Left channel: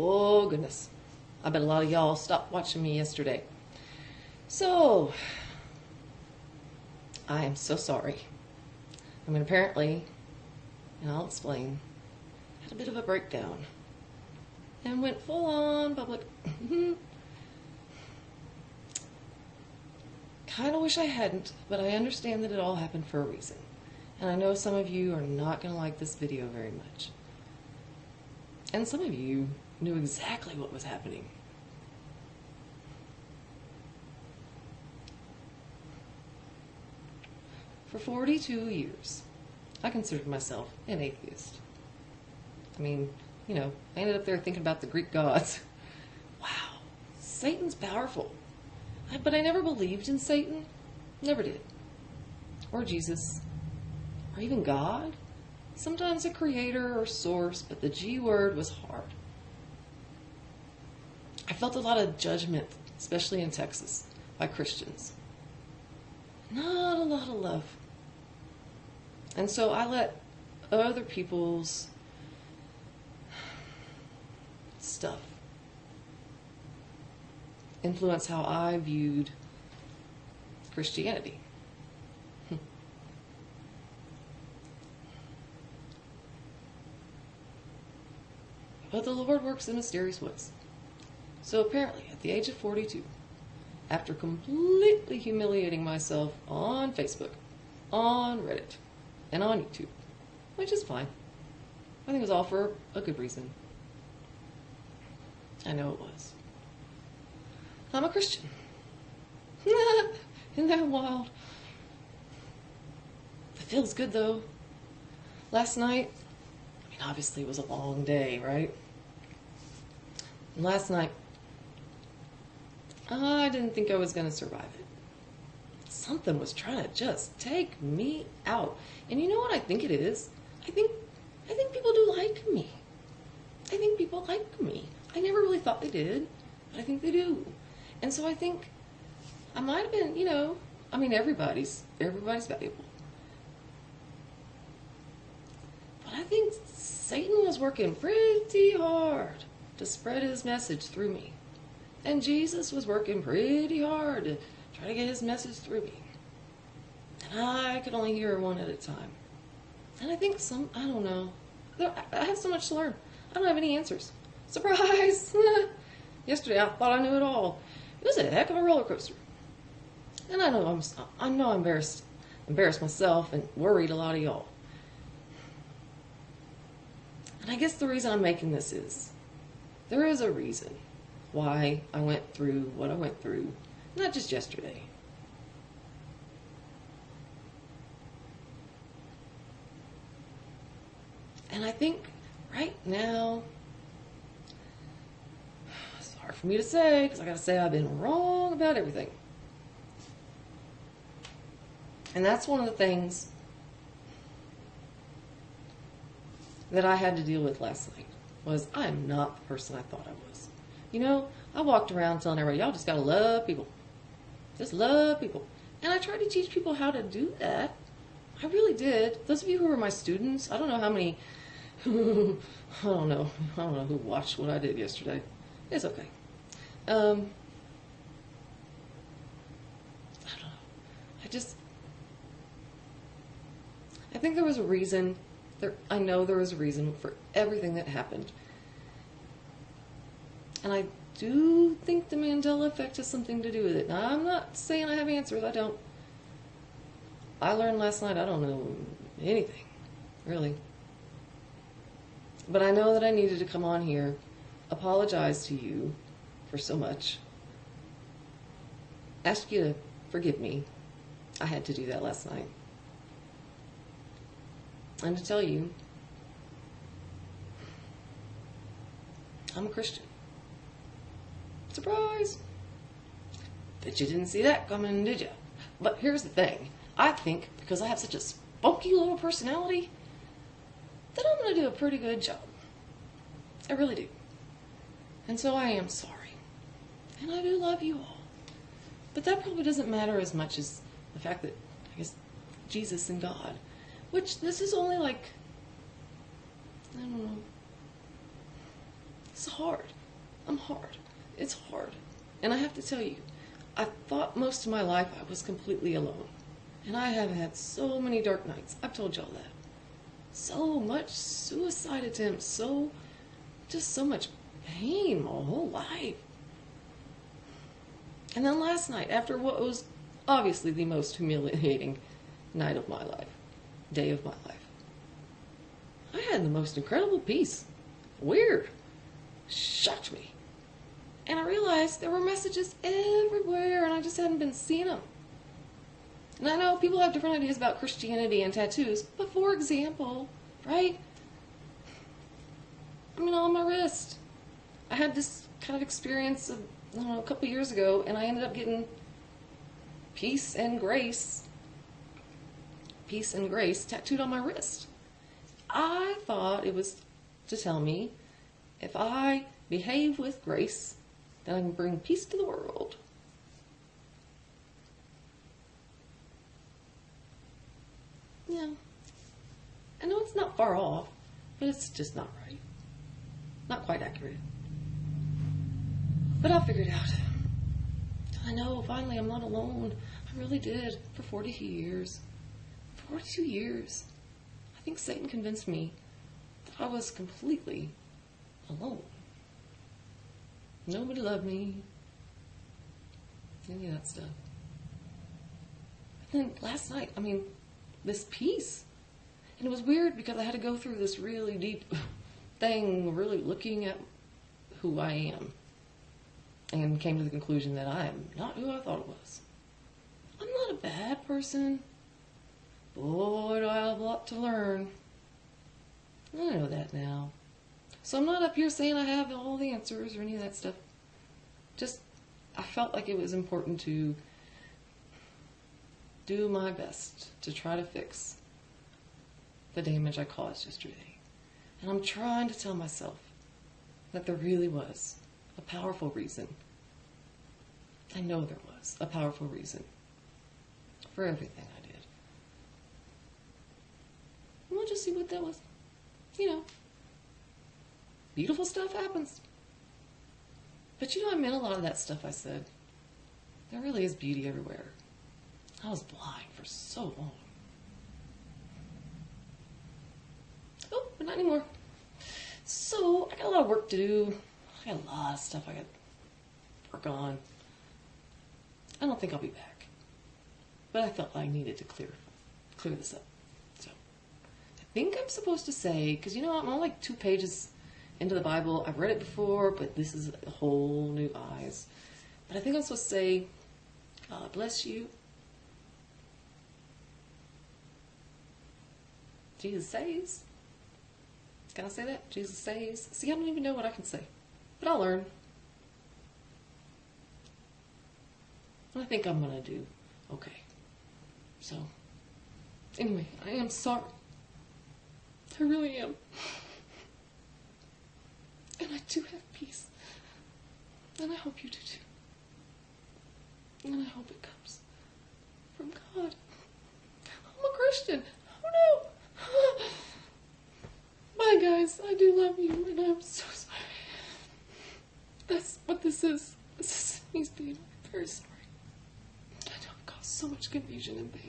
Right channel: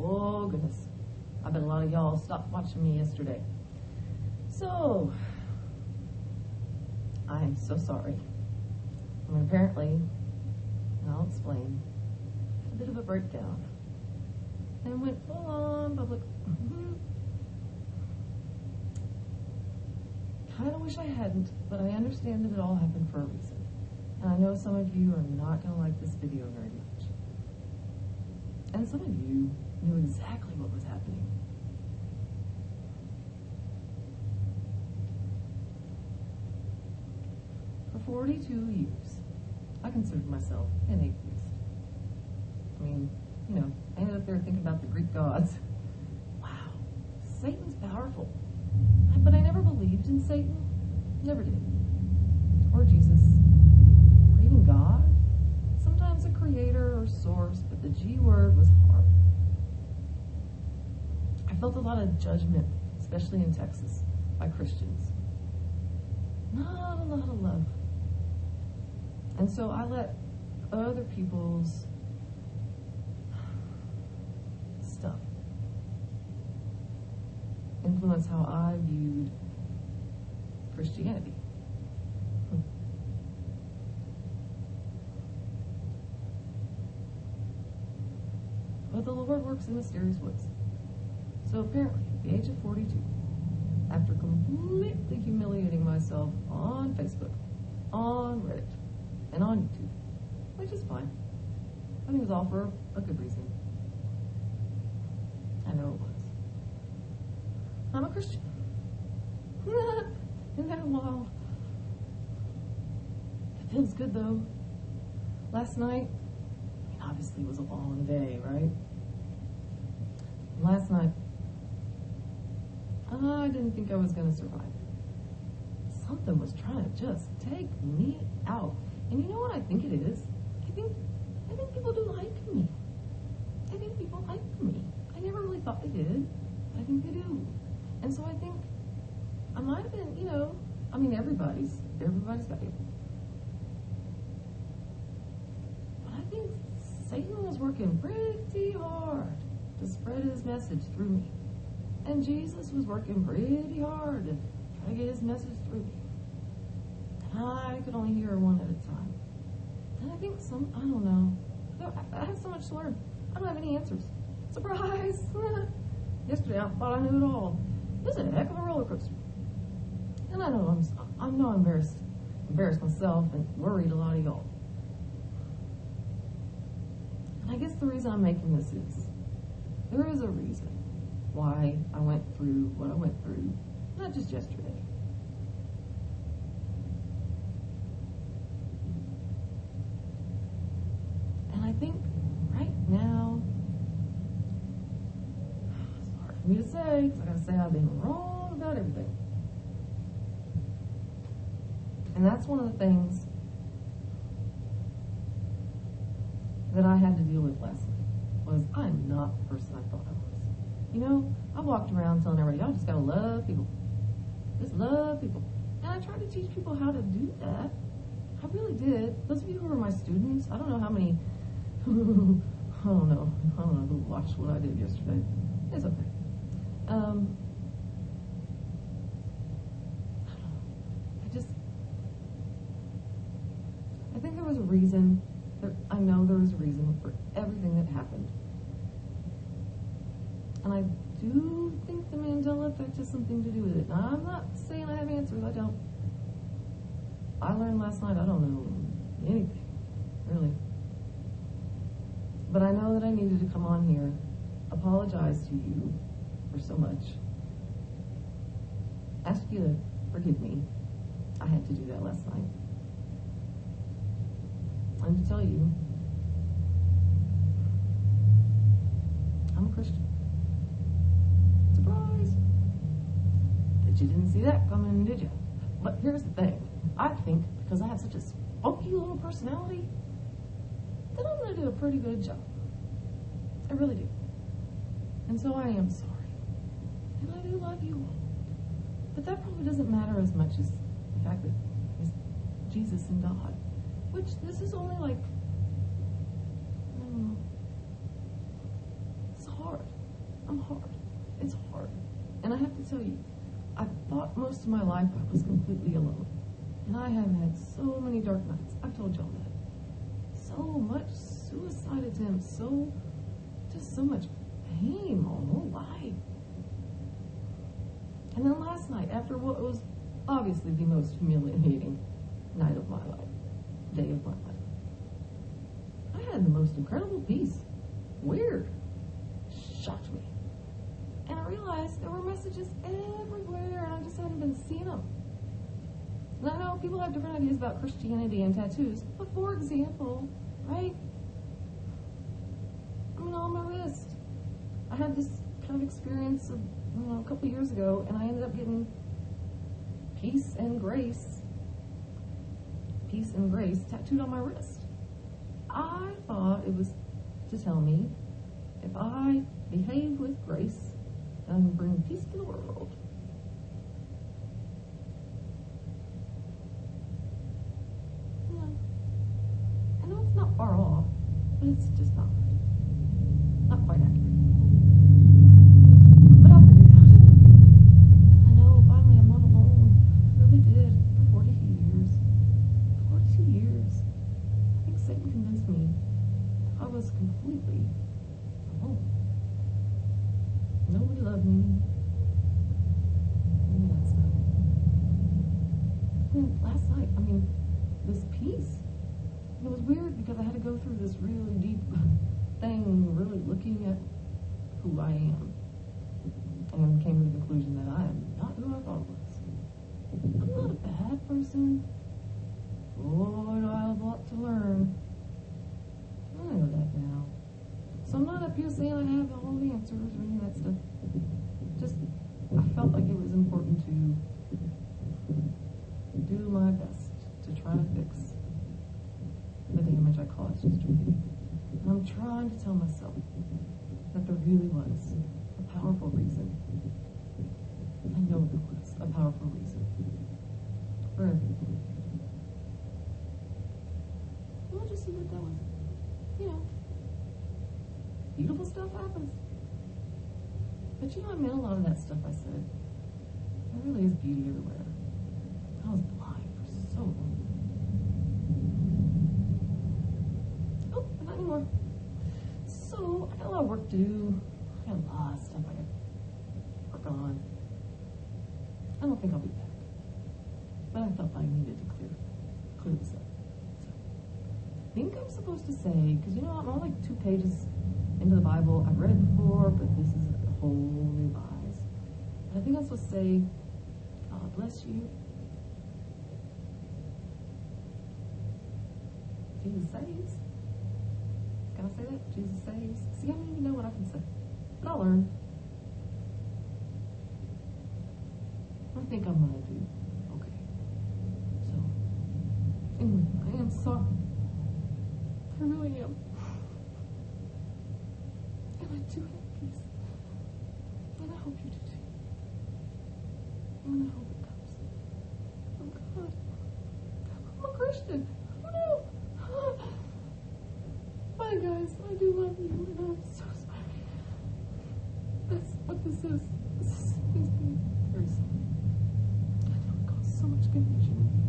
Oh, goodness. I bet a lot of y'all stopped watching me yesterday. So, I am so sorry. I mean, apparently, and I'll explain, had a bit of a breakdown and went full on public. Kind of wish I hadn't, but I understand that it all happened for a reason. And I know some of you are not going to like this video very much. And some of you knew exactly what was happening. For 42 years, I considered myself an atheist. I mean, you know, I ended up there thinking about the Greek gods. Wow, Satan's powerful. But I never believed in Satan. Never did. Or Jesus. Or even God. Sometimes a creator or source, but the G word was hard. I felt a lot of judgment, especially in Texas, by Christians. Not a lot of love. And so I let other people's stuff influence how I viewed Christianity. But the Lord works in mysterious ways. So apparently, at the age of 42, after completely humiliating myself on Facebook, on Reddit, and on YouTube, which is fine. I think it was all for a good reason. I know it was. I'm a Christian. Isn't that wild? It feels good though. Last night, I mean, obviously it was a long day, right? And last night, I didn't think I was going to survive it. Something was trying to just take me out. And you know what I think it is? I think people do like me. I think people like me. I never really thought they did, but I think they do. And so I think I might have been, you know, I mean, everybody's valuable. But I think Satan was working pretty hard to spread his message through me. And Jesus was working pretty hard to try to get his message through me. And I could only hear one at a time. And I think I don't know. I have so much to learn. I don't have any answers. Surprise! Yesterday I thought I knew it all. It was a heck of a roller coaster. And I know I'm embarrassed myself and worried a lot of y'all. And I guess the reason I'm making this is, there is a reason why I went through what I went through, not just yesterday. And I think right now, it's hard for me to say, because I gotta say I've been wrong about everything. And that's one of the things that I had to deal with last night, was I'm not the person I thought I was. You know, I walked around telling everybody, y'all just gotta love people. Just love people. And I tried to teach people how to do that. I really did. Those of you who were my students, I don't know how many, I don't know who watched what I did yesterday. It's okay. I don't know. I think there was a reason. I know there was a reason for everything that happened. And I do think the Mandela effect has something to do with it. Now, I'm not saying I have answers. I don't. I learned last night I don't know anything, really. But I know that I needed to come on here, apologize to you for so much, ask you to forgive me. I had to do that last night. And to tell you, I'm a Christian. Surprise! Bet you didn't see that coming, did you? But here's the thing. I think because I have such a spunky little personality, that I'm going to do a pretty good job. I really do. And so I am sorry. And I do love you all. But that probably doesn't matter as much as the fact that, I guess, Jesus and God, which this is only like, I don't know, It's hard. I'm hard. It's hard. And I have to tell you, I thought most of my life I was completely alone. And I have had so many dark nights. I've told y'all that. So much suicide attempts, so much pain my whole life. And then last night, after what was obviously the most humiliating night of my life, day of my life, I had the most incredible peace. Weird. Shocked me. And I realized there were messages everywhere and I just hadn't been seeing them. And I know people have different ideas about Christianity and tattoos, but for example, right? I mean, on my wrist. I had this kind of experience of, I don't know, a couple years ago, and I ended up getting peace and grace tattooed on my wrist. I thought it was to tell me if I behave with grace, then I can bring peace to the world. Yeah. I know it's not far off, but it's just not right. Not quite accurate. But I'll figure it out. I know, finally, I'm not alone. I really did. For 42 years. 42 years. I think Satan convinced me that I was completely alone. Nobody loved me. Any of that stuff. But then last night, this peace. And it was weird because I had to go through this really deep thing, really looking at who I am. And came to the conclusion that I am not who I thought I was. I'm not a bad person. Boy, do I have a lot to learn. I know that now. So I'm not up here saying I have all the answers or any of that stuff. Just, I felt like it was important to do my best to try to fix the damage I caused yesterday. And I'm trying to tell myself that there really was a powerful reason. I know there was a powerful reason for everything I did. And we'll just see what that was. Beautiful stuff happens. But I meant a lot of that stuff I said. There really is beauty everywhere. I was blind for so long. Oh, but not anymore. So, I got a lot of work to do. I got a lot of stuff I got to work on. I don't think I'll be back. But I felt I needed to clear this up. So, I think I'm supposed to say, because I'm only like 2 pages into the Bible. I've read it before, but this is a whole new eyes. But I think I'm supposed to say, God bless you. Jesus saves. Can I say that? Jesus saves. See, I don't even know what I can say. But I'll learn. I think I'm going to do okay. So, anyway, I am sorry. I really am. And I do have peace. And I hope you do too. And I hope it comes from God. I'm a Christian. Oh no. Bye guys, I do love you and I'm so sorry. That's what this is. This is me being very sorry. I know it caused so much confusion and pain.